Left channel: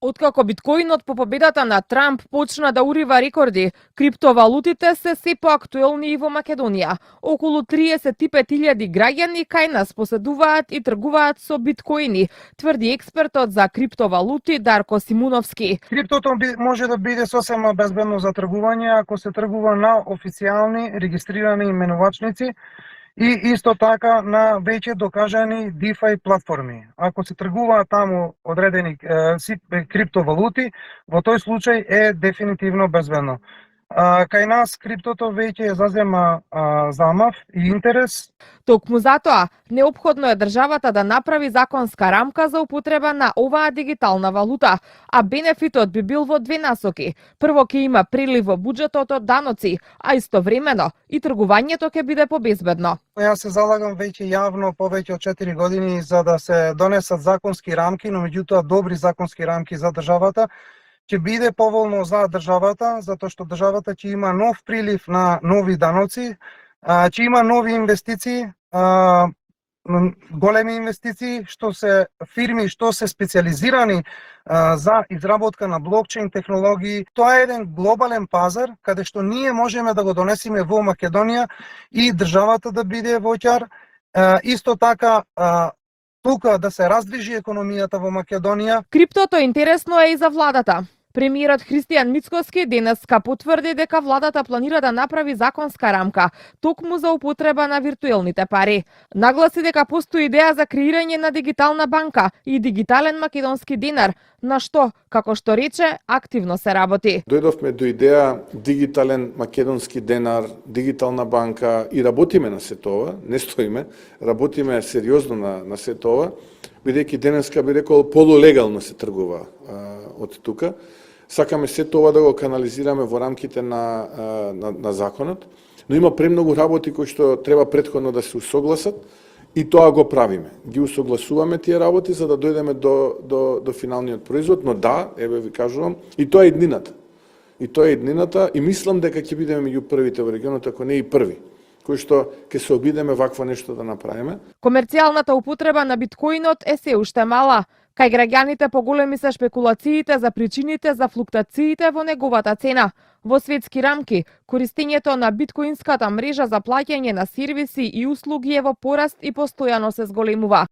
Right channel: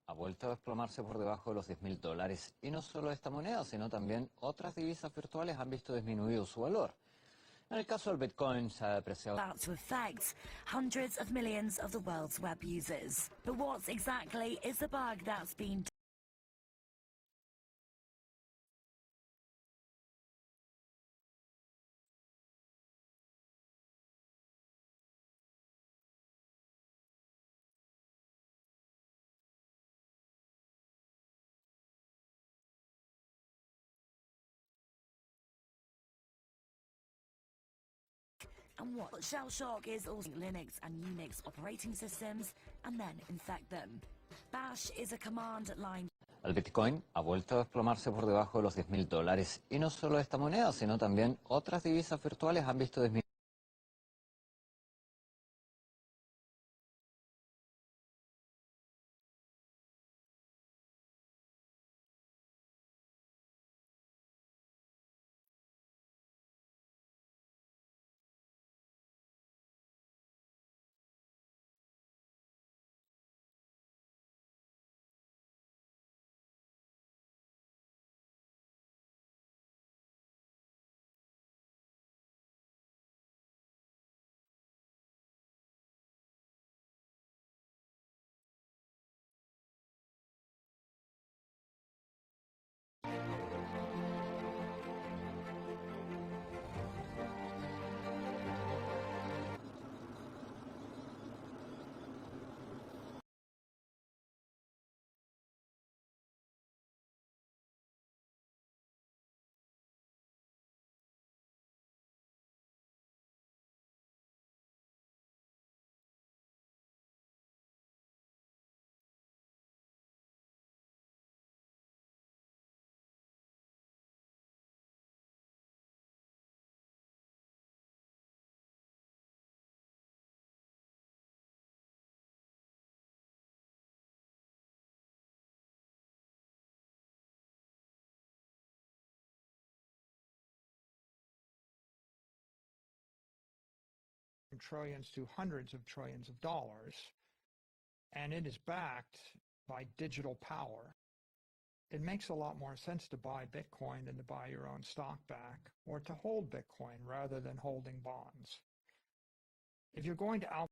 Откако биткоинот по победата на Трамп почна да урива рекорди, криптовалутите се се поактуелни и во Македонија. Околу 35.000 граѓани кај нас поседуваат и тргуваат со биткоини, тврди експертот за криптовалути Дарко Симуновски. Криптото може да биде сосема безбедно за тргување ако се тргува на официјални регистрирани именувачници и исто така на веќе докажани DeFi платформи. Ако се тргуваат таму одредени криптовалути, во тој случај е дефинитивно безбедно. Кај нас криптото веќе зазема замав и интерес. Токму затоа, неопходно е државата да направи законска рамка за употреба на оваа дигитална валута, а бенефитот би бил во две насоки. Прво ќе има прилив во буџетот од даноци, а истовремено и тргувањето ќе биде побезбедно. Јас се залагам веќе јавно повеќе од 4 години за да се донесат законски рамки, но меѓутоа добри законски рамки за државата. Ќе биде поволно за државата, затоа што државата ќе има нов прилив на нови даноци, ќе има нови инвестиции, големи инвестиции, што се фирми што се специализирани за изработка на блокчейн технологии. Тоа е еден глобален пазар каде што ние можеме да го донесеме во Македонија и државата да биде воќар, исто така тука да се раздвижи економијата во Македонија. Криптото интересно е и за владата. Премиерот Христијан Мицкоски денеска потврди дека владата планира да направи законска рамка токму за употреба на виртуелните пари. Нагласи дека постои идеја за креирање на дигитална банка и дигитален македонски динар, на што, како што рече, активно се работи. Дојдовме до идеја дигитален македонски денар, дигитална банка и работиме на се тоа, не стоиме, работиме сериозно на се тоа, бидејќи денеска би рекол полулегално се тргува од тука. Сакаме се тоа да го канализираме во рамките на законот, но има премногу работи кои што треба претходно да се усогласат и тоа го правиме. Ги усогласуваме тие работи за да дојдеме до финалниот производ, но да, еве ви кажувам, и тоа е иднината. И мислам дека ќе бидеме меѓу првите во регионот, ако не и први, кои што ќе се обидеме вакво нешто да направиме. Комерцијалната употреба на биткоинот е се уште мала. Кај граѓаните поголеми се шпекулациите за причините за флуктациите во неговата цена. Во светски рамки, користењето на биткоинската мрежа за плаќање на сервиси и услуги е во пораст и постојано се зголемува.